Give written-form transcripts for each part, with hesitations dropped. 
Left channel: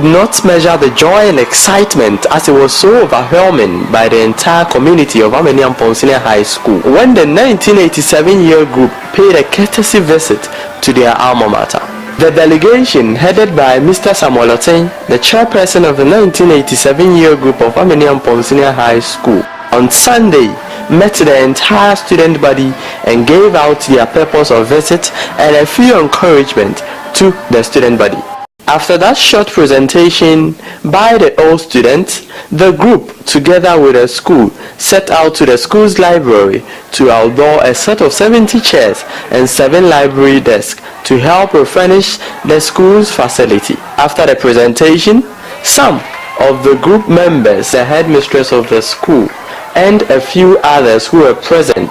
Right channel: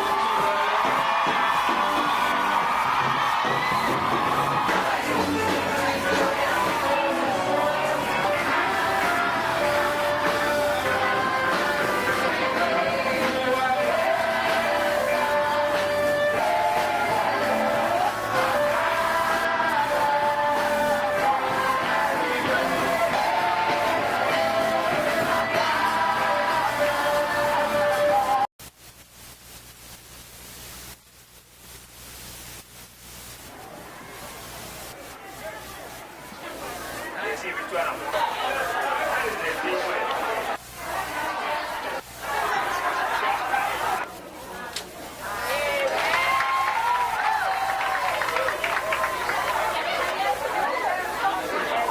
could not measure the joy and excitement as it was so overwhelming by the entire community of Ameniampong Senior High School when the 1987 year group paid a courtesy visit to their alma mater. The delegation, headed by Mr. Samuel Oteng, the chairperson of the 1987 year group of Ameniampong Senior High School, on Sunday met the entire student body and gave out their purpose of visit and a few encouragement to the student body. After that short presentation by the old students, the group, together with the school, set out to the school's library to outdoor a set of 70 chairs and 7 library desks to help refurnish the school's facility. After the presentation, some of the group members, the headmistress of the school, and a few others who were present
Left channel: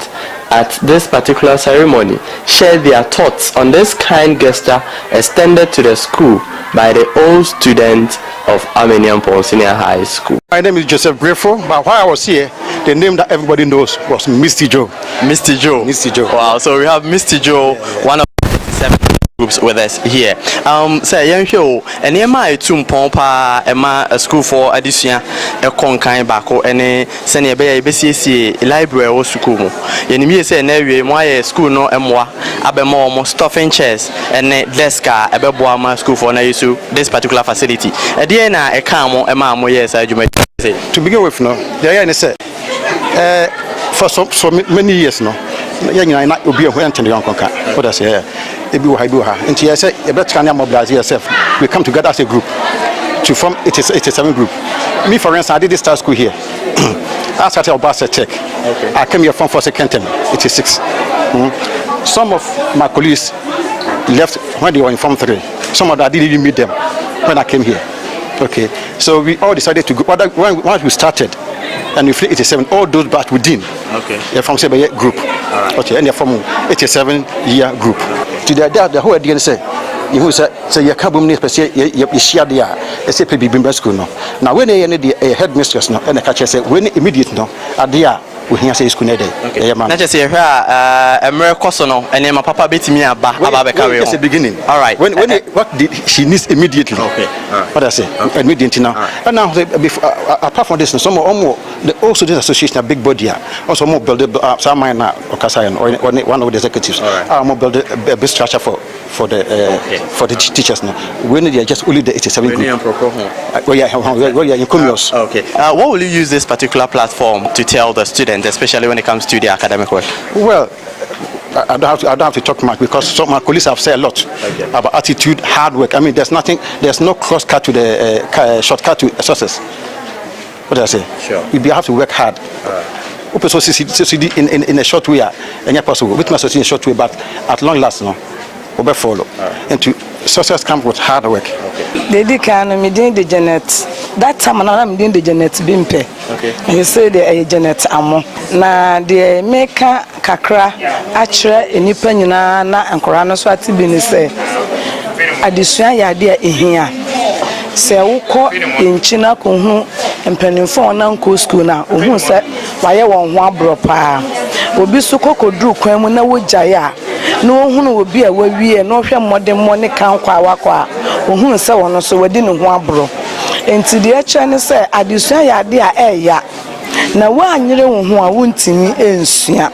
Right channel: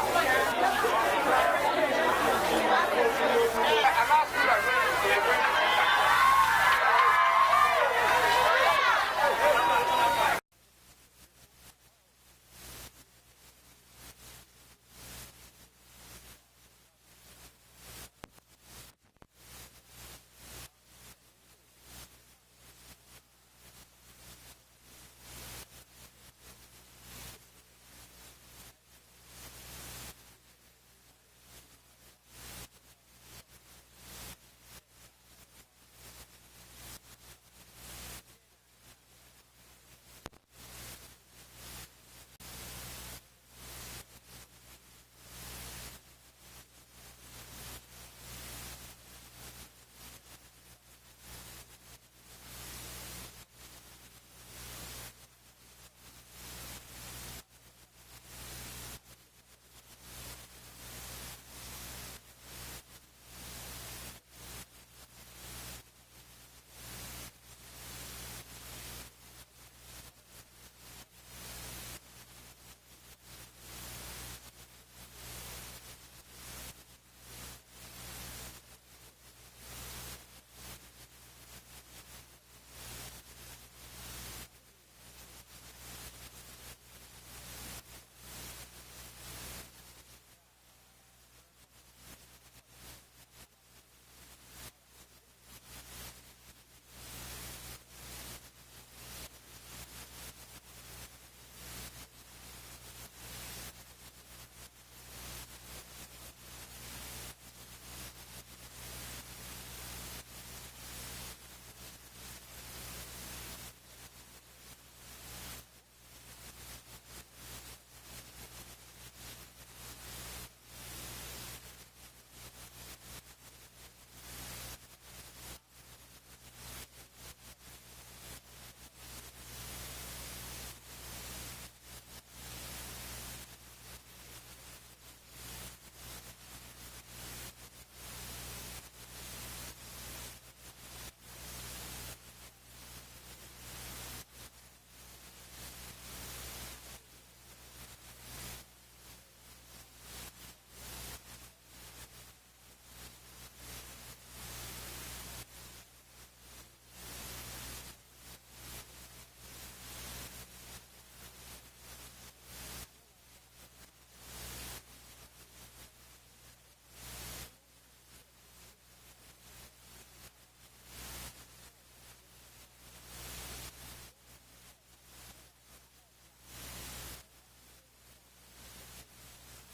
at this particular ceremony shared their thoughts on this kind gesture extended to the school by the old students of Ameniampong Senior High School. My name is Joseph Grateful, but while I was here, the name that everybody knows was Misty Joe. Misty Joe. Misty Joe. Wow, so we have Misty Joe, one of the 7 groups with us here. Say young show and my two pompa a school for addition a conkind bako and send a BCC library or school. Yenimi say never my school no emwa abemo stuffing chairs and desk a beboama school for na issue this particular facility. A DNA a camo a mammo yes I may say. To begin with, no, the idea is for so many years no. I not be a went to the Uncle Cat. What I say, and she said, a better can mobilize yourself. We come together as a group to form 87 group. Me, for instance, I did this start school here. I started a bus check. Okay. I came here from for second term, 86. Some of my colleagues left when they were in Form 3. Some of them I didn't even meet them when I came here. Okay, so we all decided to go. Once we started, and we flew 87, all those batch within. Okay. They're from 7 group. Right. Okay, and they're from 87 year group. Today, the whole idea is you say you can't be you share the say baby school no. Now when they need the headmistress no, and the catcher say when immediate no, at the we hear say school day. Okay. Not just say a miracle no, and my papa beat me aba career. That's the beginning. All right. When what did she needs immediately? Okay. Right. What I say immediately now. Right. And now apart from this, some also this association a big body also more build some mine or one of the executives. Right. More build a big structure for the teachers now. When they are just only the 87 group. Okay. What will you use this particular platform to tell the students, especially when it comes to the academic work? Well, I don't have to talk much because some of my colleagues have said a lot about attitude, hard work. I mean, there's no crosscut to the shortcut to success. What do I say? Sure. We have to work hard. Also, in a short way, and possible. With my in a short way, but at long last, no. Follow and to success comes with hard work. They did can me doing the Janet. That time I'm doing the Janet Bimpe. Okay. You say the Janet Amo. Na the maker kakra actually in Nipanina na and Corano Swati Bini say. Addition ya dear in here. Say uko in China kuhu and penny for an uncle school now. Who said why I want one bro pa. Obi sukoko drew kwemu na wojaya. No one will be a way no modern money count kwa who say one so we didn't want bro. And to the Chinese say, I do say idea ya. Now one year who I won't me in Sia.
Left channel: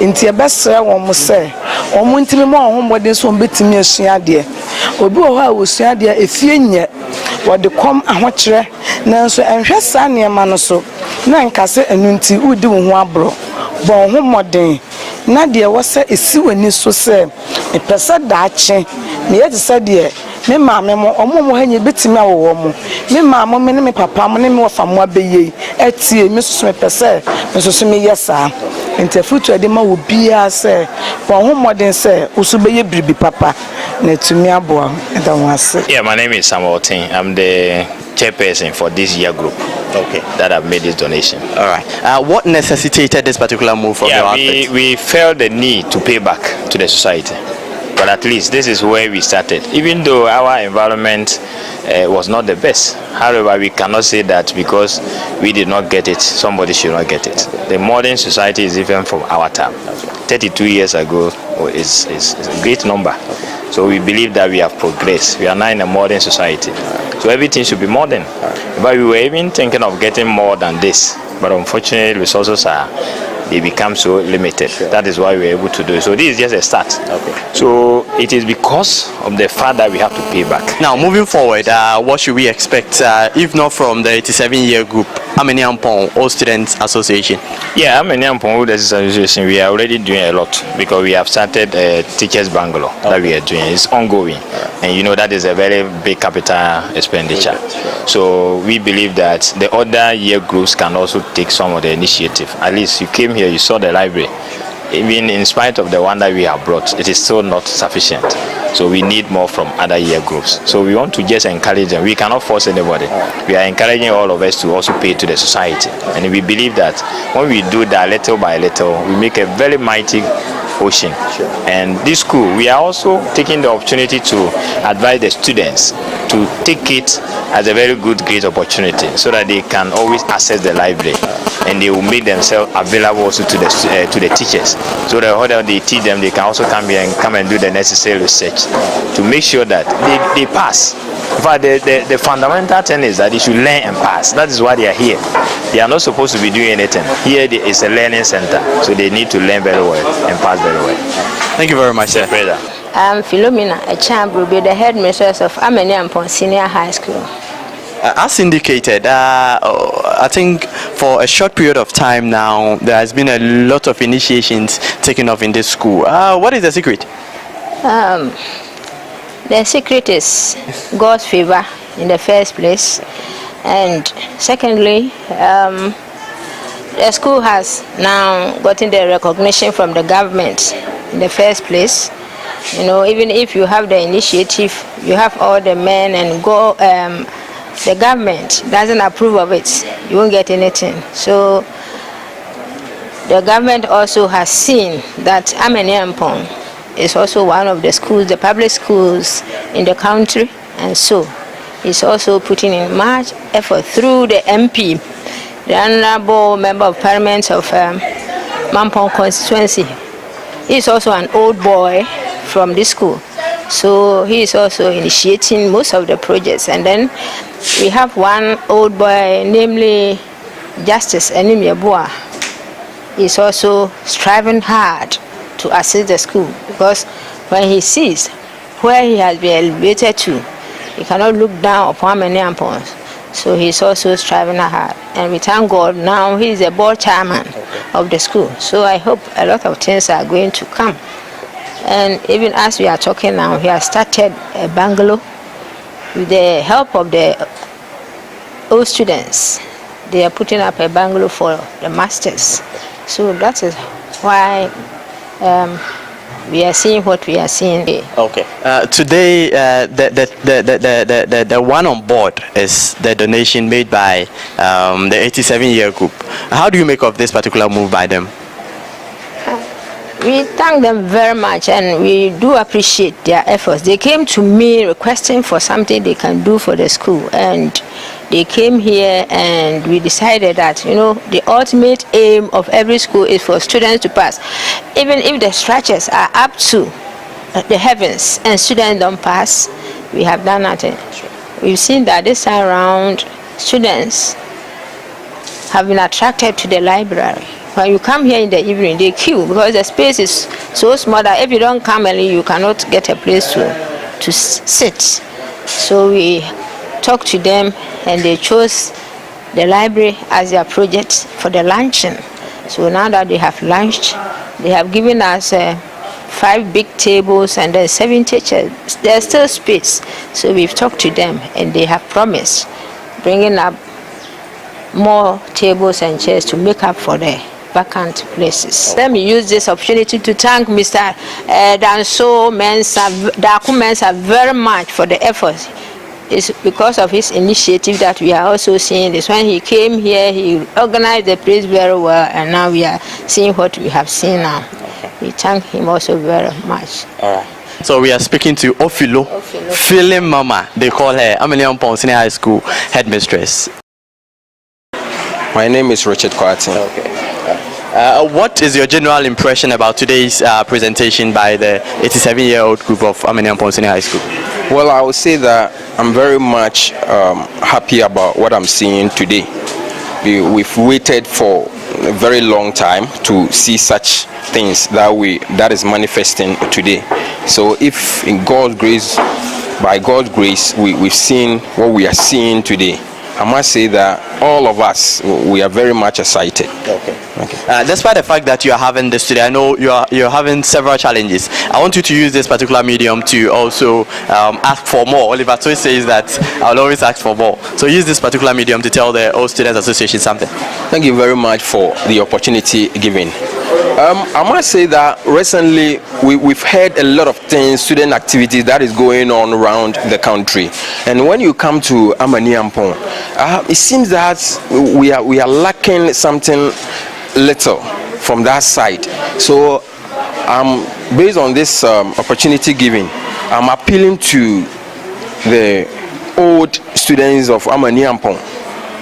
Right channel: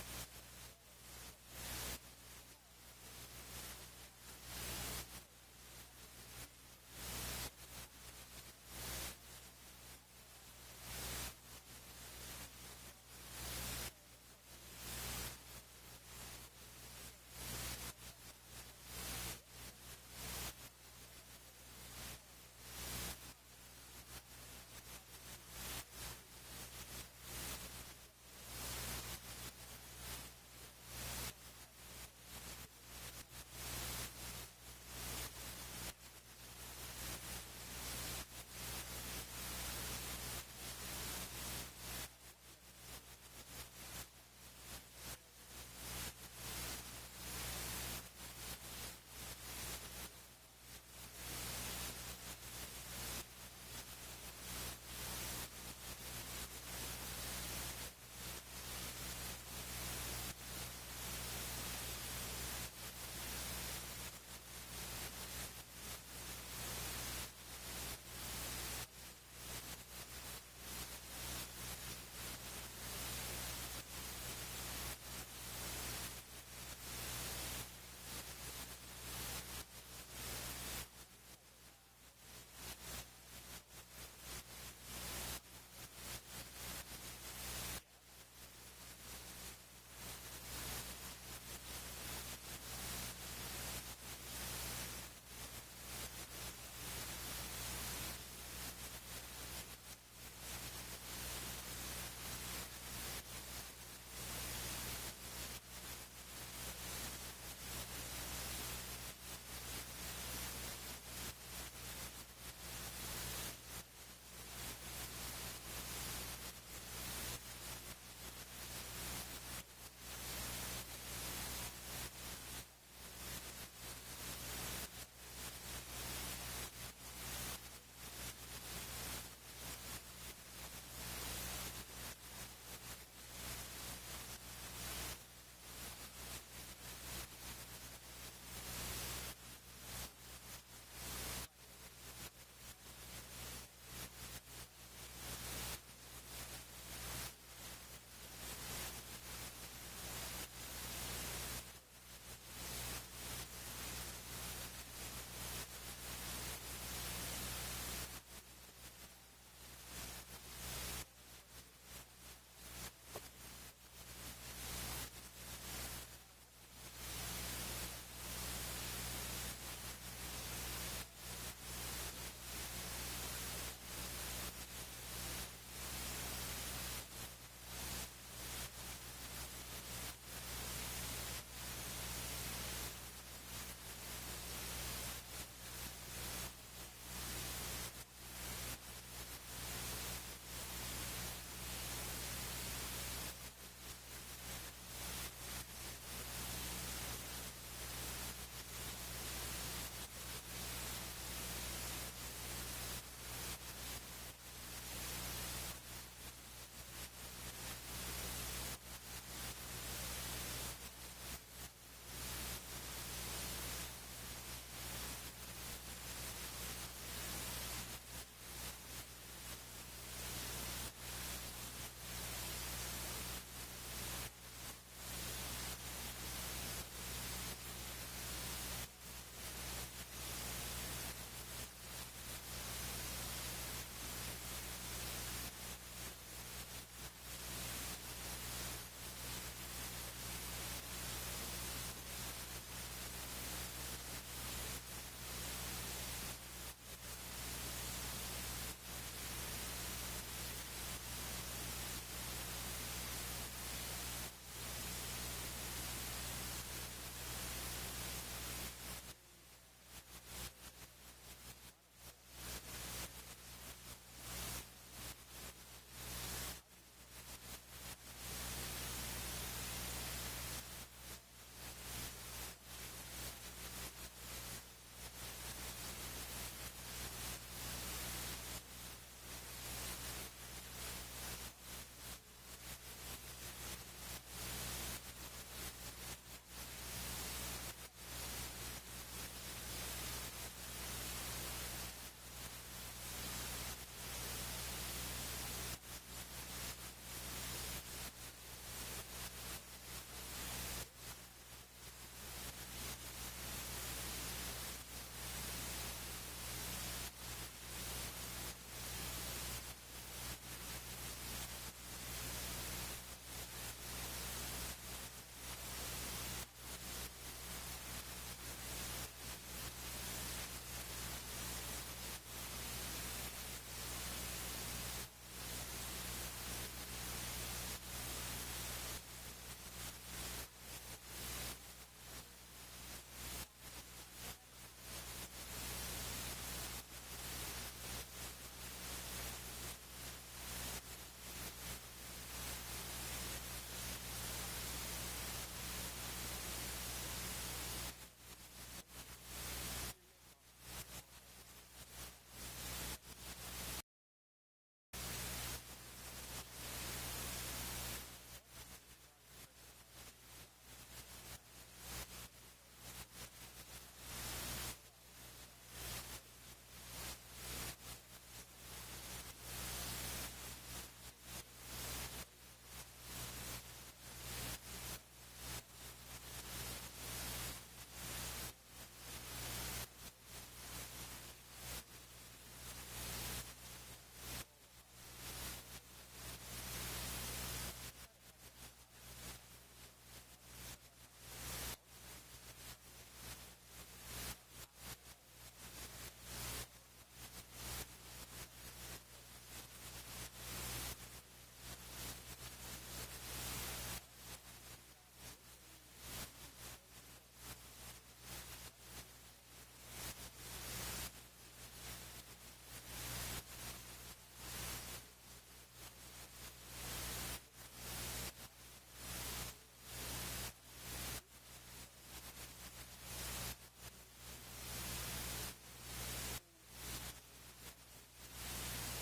Into your best one must say, or won't me more home what this won't be to me a Sia dear. Or go how was Sia dear if you yet what the come and watch now so and just Sanya Manoso. Nan Casse and Nunti would do one bro. Bon home modern. Nadia was a sewen so say a person that chain. Me had said, dear, me mamma, or more when you bit me or woman. Me mamma, me papa, me more from what be ye. At see, Mrs. Smith per se, Mrs. Me, yes, sir. And the future demo will be as say, for whom modern say, also be a baby papa. Net to me a boy, and I want to say. Yeah, my name is Samuel Oteng. I'm the chairperson for this year group. Okay, that have made this donation. All right. What necessitated this particular move from your outfit? We felt the need to pay back to the society, but at least this is where we started. Even though our environment was not the best, however, we cannot say that because we did not get it, somebody should not get it. The modern society is even from our time. 32 years ago is a great number. So we believe that we have progressed. We are now in a modern society. So everything should be modern. But we were even thinking of getting more than this. But unfortunately, resources they become so limited. That is why we're able to do it. So this is just a start. So it is because of the fact that we have to pay back. Now, moving forward, what should we expect, if not from the 87-year group, Ameniampong All Students Association? Yeah, Ameniampong All Students Association, we are already doing a lot because we have started a teachers bungalow that we are doing. It's ongoing. And you know that is a very big capital expenditure. So we believe that the other year groups can also take some of the initiative. At least you came here, you saw the library. Even in spite of the one that we have brought, it is still not sufficient. So we need more from other year groups. So we want to just encourage them. We cannot force anybody. We are encouraging all of us to also pay to the society. And we believe that when we do that little by little, we make a very mighty ocean. And this school, we are also taking the opportunity to advise the students to take it as a very good, great opportunity so that they can always access the library and they will make themselves available also to the teachers. So that whether they teach them, they can also come here and come and do the necessary research to make sure that they pass. But the fundamental thing is that they should learn and pass. That is why they are here. They are not supposed to be doing anything. Here is a learning center, so they need to learn very well and pass very well. Thank you very much, sir. I'm Philomena Echambu, the headmistress of Ameniampong Senior High School. As indicated, I think for a short period of time now, there has been a lot of initiations taken off in this school. What is the secret? The secret is God's favor in the first place, and secondly, the school has now gotten the recognition from the government in the first place. You know, even if you have the initiative, you have all the men and go, the government doesn't approve of it, you won't get anything. So the government also has seen that Ameniampong is also one of the schools, the public schools in the country, and so it's also putting in much effort through the MP, the Honorable Member of Parliament of Mampong constituency. He's also an old boy from this school, so he is also initiating most of the projects. And then we have one old boy, namely Justice Enimiabua. He's also striving hard to assist the school, because when he sees where he has been elevated to, he cannot look down upon Ameniampong. So he's also striving hard. And we thank God now he's the board chairman of the school. So I hope a lot of things are going to come. And even as we are talking now, he has started a bungalow with the help of the old students. They are putting up a bungalow for the masters. So that is why we are seeing what we are seeing. Okay. Today, the one on board is the donation made by the 87-year group. How do you make of this particular move by them? We thank them very much, and we do appreciate their efforts. They came to me requesting for something they can do for the school, and they came here and we decided that, you know, the ultimate aim of every school is for students to pass. Even if the structures are up to the heavens and students don't pass, we have done nothing. We've seen that this time around, students have been attracted to the library. When you come here in the evening, they queue because the space is so small that if you don't come early, you cannot get a place to sit. So we talked to them and they chose the library as their project for the luncheon. So now that they have lunched, they have given us 5 big tables and then 70 chairs. There's still space. So we've talked to them and they have promised bringing up more tables and chairs to make up for the vacant places. Let me use this opportunity to thank Mr. Danso Daku Mensa very much for the efforts. It's because of his initiative that we are also seeing this. When he came here, he organized the place very well, and now we are seeing what we have seen now. We thank him also very much. All right. So we are speaking to Ofilo. Feeling Mama, they call her, Ameniampong Senior High School headmistress. My name is Richard Kwartin. Okay. What is your general impression about today's presentation by the 87-year-old group of Amaniampong Senior High School? Well, I would say that I'm very much happy about what I'm seeing today. We've waited for a very long time to see such things that is manifesting today. So if in God's grace, by God's grace, we've seen what we are seeing today, I must say that all of us, we are very much excited. Okay. Despite the fact that you are having this today, I know you're having several challenges. I want you to use this particular medium to also ask for more. Oliver Toy says that I'll always ask for more. So use this particular medium to tell the All Students Association something. Thank you very much for the opportunity given. I must say that recently we've heard a lot of things, student activities that is going on around the country. And when you come to Amaniampong, it seems that we are lacking something little from that side. So based on this opportunity given, I'm appealing to the old students of Amaniampong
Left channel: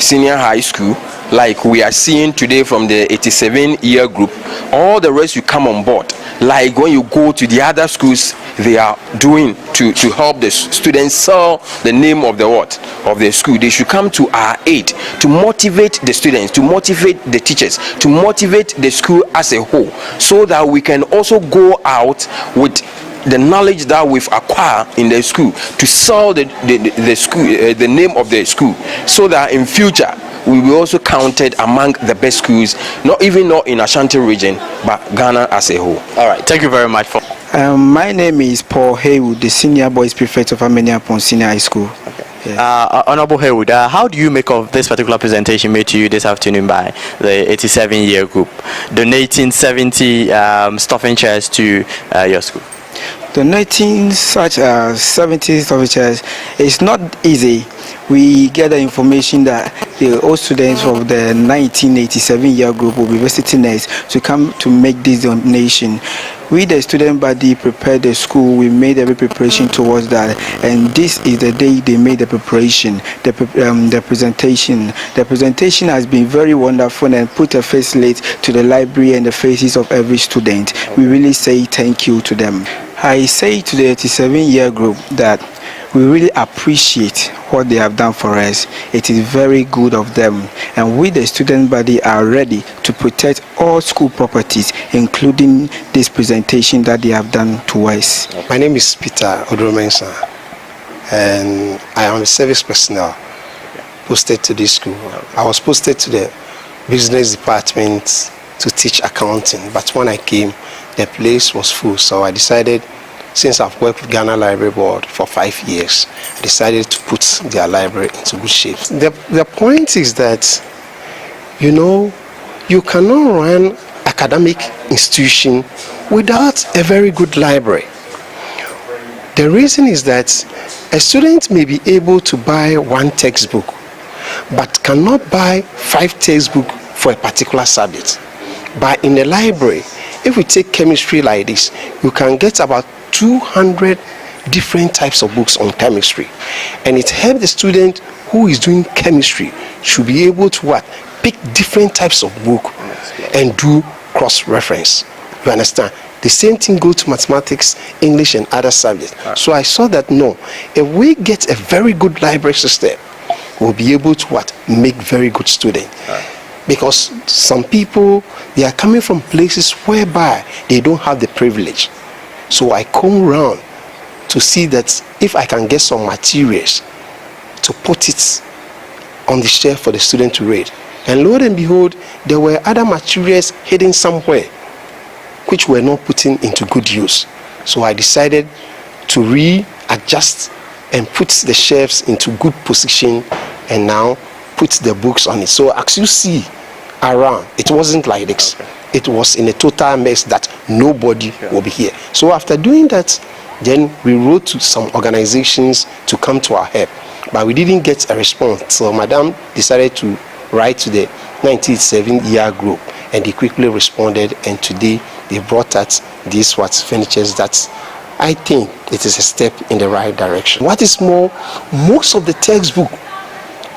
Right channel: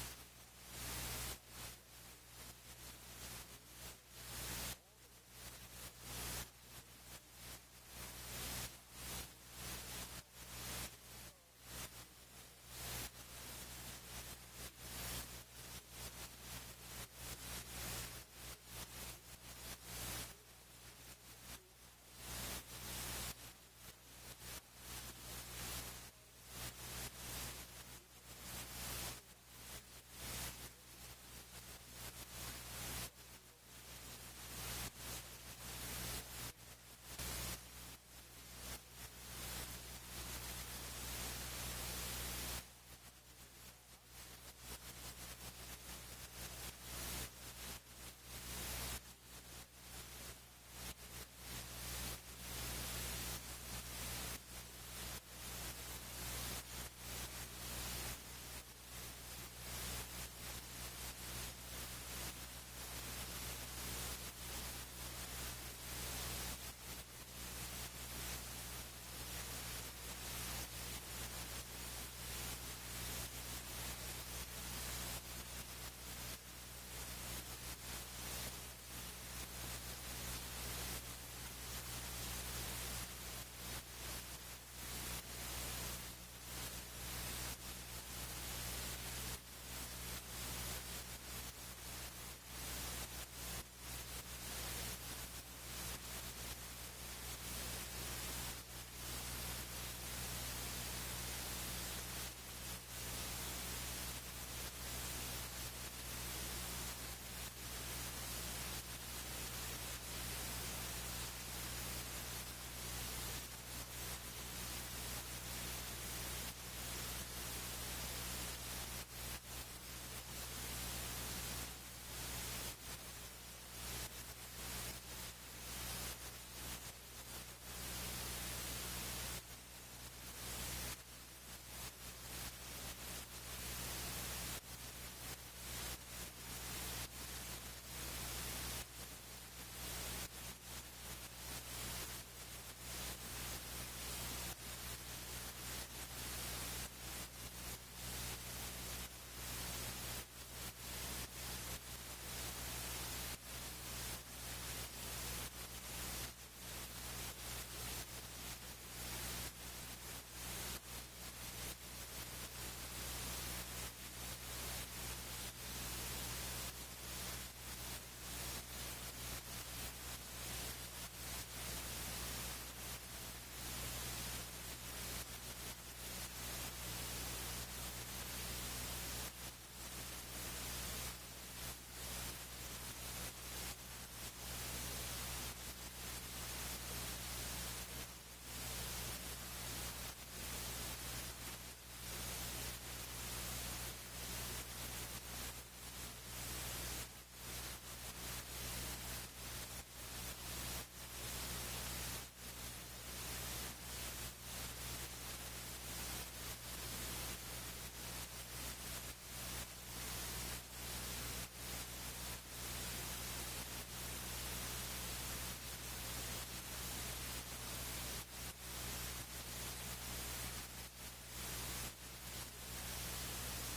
Senior High School, like we are seeing today from the 87-year group. All the rest you come on board, like when you go to the other schools they are doing to help the students sell the name of the school. They should come to our aid to motivate the students, to motivate the teachers, to motivate the school as a whole, so that we can also go out with the knowledge that we've acquired in the school to sell the school, the name of the school, so that in future we will also counted among the best schools, not in Ashanti region, but Ghana as a whole. All right, thank you very much for. My name is Paul Haywood, the Senior Boys Prefect of Amaniampong Senior High School. Okay. Yeah. Honorable Haywood, how do you make of this particular presentation made to you this afternoon by the 87-year group, donating 70 stuffing chairs to your school? Donating such 70 stuffing chairs is not easy. We get the information that the old students of the 1987-year group will be visiting us to come to make this donation. We, the student body, prepared the school. We made every preparation towards that, and this is the day they made the preparation, the presentation. The presentation has been very wonderful and put a facelight to the library and the faces of every student. We really say thank you to them. I say to the 87-year group that we really appreciate what they have done for us. It is very good of them, and we, the student body, are ready to protect all school properties, including this presentation that they have done to us. My name is Peter Odromensa, and I am a service personnel posted to this school. I was posted to the business department to teach accounting, but when I came, the place was full, so I decided, since I've worked with Ghana Library Board for 5 years, I decided to put their library into good shape. The point is that, you cannot run academic institution without a very good library. The reason is that a student may be able to buy one textbook, but cannot buy 5 textbooks for a particular subject. But in the library, if we take chemistry like this, you can get about 200 different types of books on chemistry, and it helps the student who is doing chemistry should be able to pick different types of book and do cross-reference. You understand? The same thing goes to mathematics, English, and other subjects. So I saw that if we get a very good library system, we'll be able to make very good students. Because some people, they are coming from places whereby they don't have the privilege. So I come around to see that if I can get some materials to put it on the shelf for the student to read. And lo and behold, there were other materials hidden somewhere which were not put into good use. So I decided to readjust and put the shelves into good position, and now put the books on it. So as you see around, it wasn't like this. Okay. It was in a total mess that nobody will be here. So after doing that, then we wrote to some organizations to come to our help, but we didn't get a response. So Madam decided to write to the 97-year group, and they quickly responded, and today they brought us these furnitures that I think it is a step in the right direction. What is more, most of the textbooks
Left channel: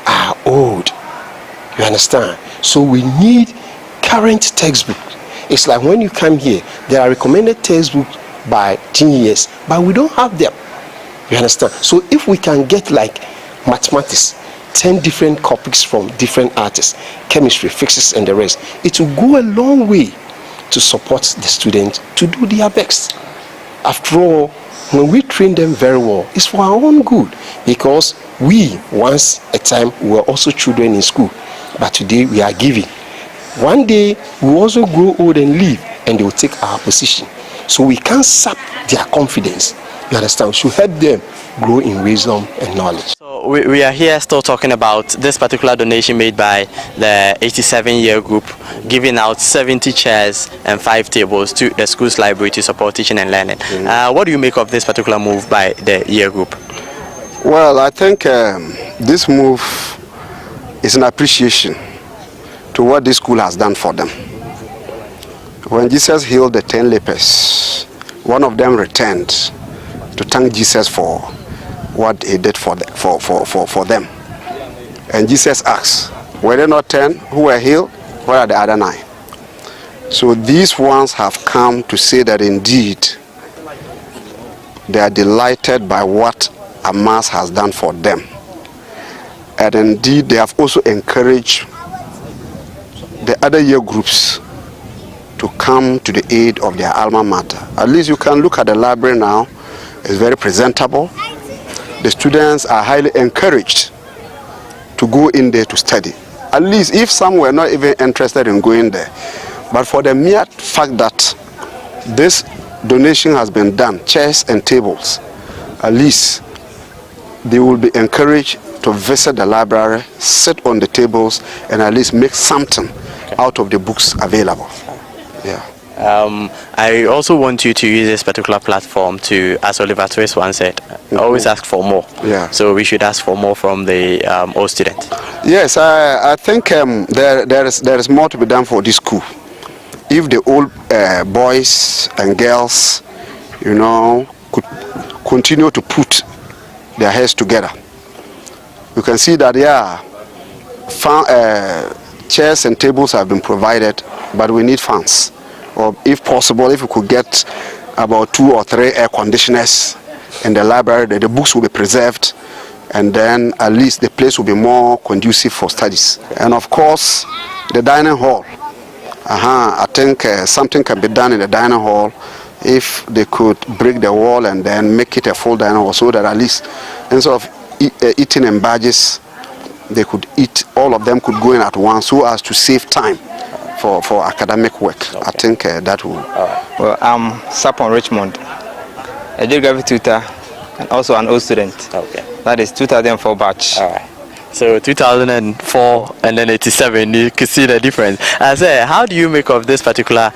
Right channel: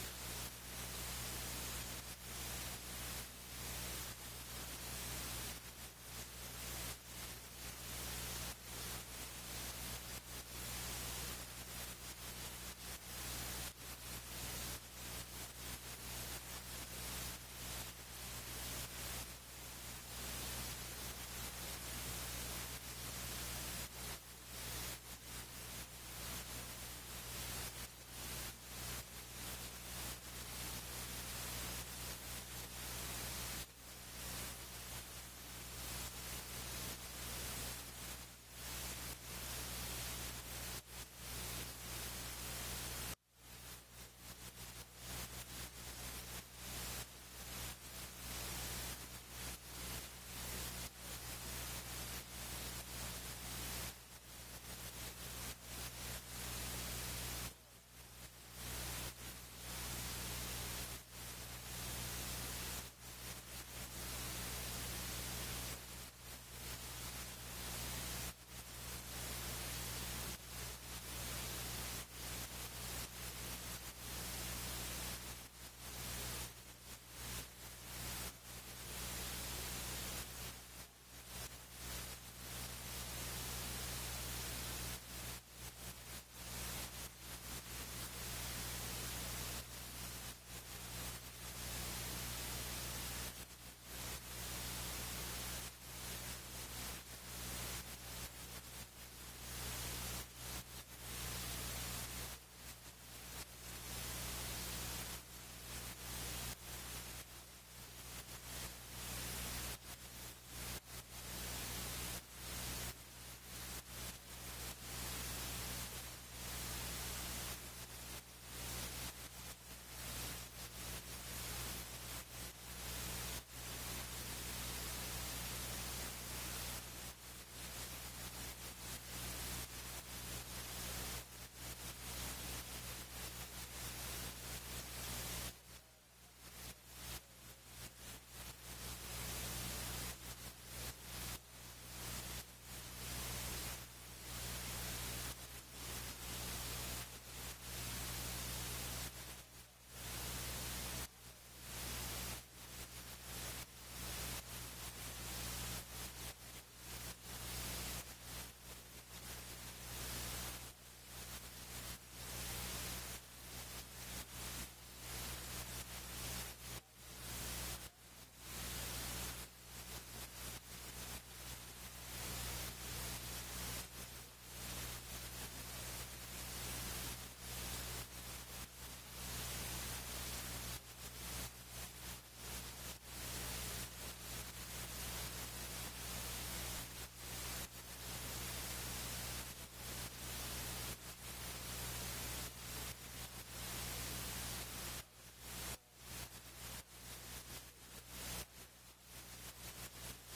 are old. You understand? So we need current textbook. It's like when you come here, there are recommended textbooks by 10 years, but we don't have them. You understand? So if we can get like mathematics, 10 different topics from different artists, chemistry, physics, and the rest, it will go a long way to support the students to do their best. After all, when we train them very well, it's for our own good, because we, once a time, were also children in school, but today we are giving. One day, we will also grow old and leave, and they will take our position. So we can't sap their confidence. You understand? We should help them grow in wisdom and knowledge. So we are here still talking about this particular donation made by the 87-year group, giving out 70 chairs and 5 tables to the school's library to support teaching and learning. What do you make of this particular move by the year group? Well, I think this move is an appreciation to what this school has done for them. When Jesus healed the 10 lepers, one of them returned to thank Jesus for what he did for them. And Jesus asked, were there not 10 who were healed? Where are the other 9? So these ones have come to say that indeed they are delighted by what Amas has done for them. And indeed they have also encouraged the other year groups to come to the aid of their alma mater. At least you can look at the library now. It's very presentable. The students are highly encouraged to go in there to study. At least if some were not even interested in going there. But for the mere fact that this donation has been done, chairs and tables, at least they will be encouraged to visit the library, sit on the tables, and at least make something out of the books available. Yeah. I also want you to use this particular platform to, as Oliver Twist once said, always ask for more. Yeah. So we should ask for more from the old students. Yes, I think there is more to be done for this school. If the old boys and girls, you know, could continue to put their heads together, you can see that, yeah, chairs and tables have been provided, but we need fans. Or if possible, if we could get about 2 or 3 air conditioners in the library, the books will be preserved, and then at least the place will be more conducive for studies. And of course, the dining hall. I think something can be done in the dining hall if they could break the wall and then make it a full dining hall, so that at least instead of eating in batches, they could eat, all of them could go in at once, so as to save time for academic work. Okay. I think that will. Well, I'm Sapon Richmond, a geography tutor and also an old student. Okay. That is 2004 batch. All right. So 2004 and then 87, you can see the difference. How do you make of this particular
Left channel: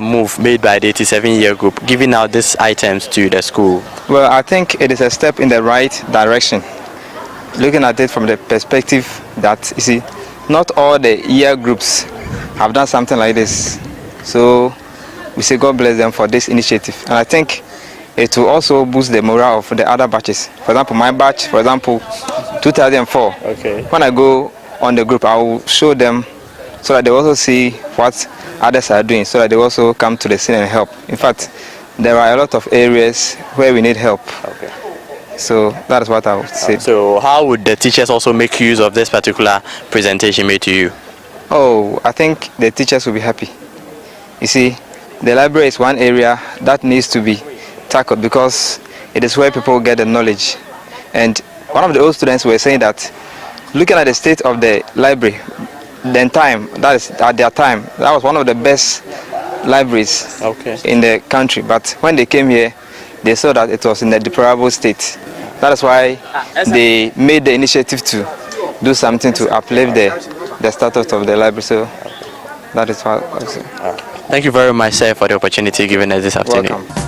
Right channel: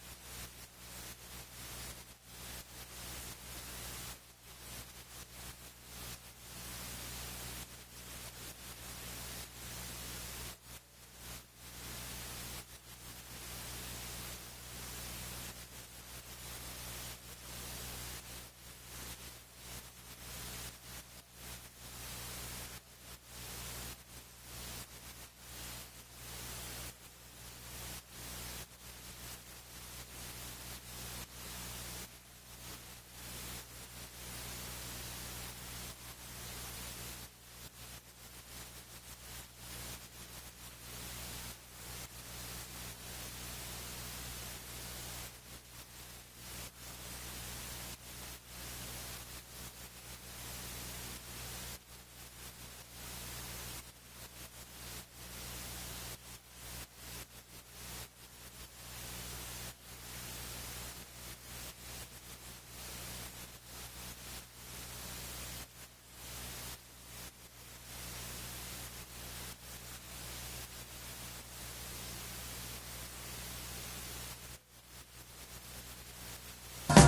move made by the 87-year group, giving out these items to the school? Well, I think it is a step in the right direction. Looking at it from the perspective that, you see, not all the year groups have done something like this. So we say God bless them for this initiative. And I think it will also boost the morale of the other batches. For example, my batch, for example, 2004. Okay. When I go on the group, I will show them so that they also see what others are doing, so that they also come to the scene and help. In fact, there are a lot of areas where we need help. Okay. So that is what I would say. So how would the teachers also make use of this particular presentation made to you? Oh, I think the teachers will be happy. You see, the library is one area that needs to be tackled because it is where people get the knowledge. And one of the old students were saying that looking at the state of the library, then time, that is at their time, that was one of the best libraries in the country. But when they came here, they saw that it was in a deplorable state. That is why they made the initiative to do something to uplift the status of the library. So that is what I say. Thank you very much, sir, for the opportunity given us this afternoon. Welcome.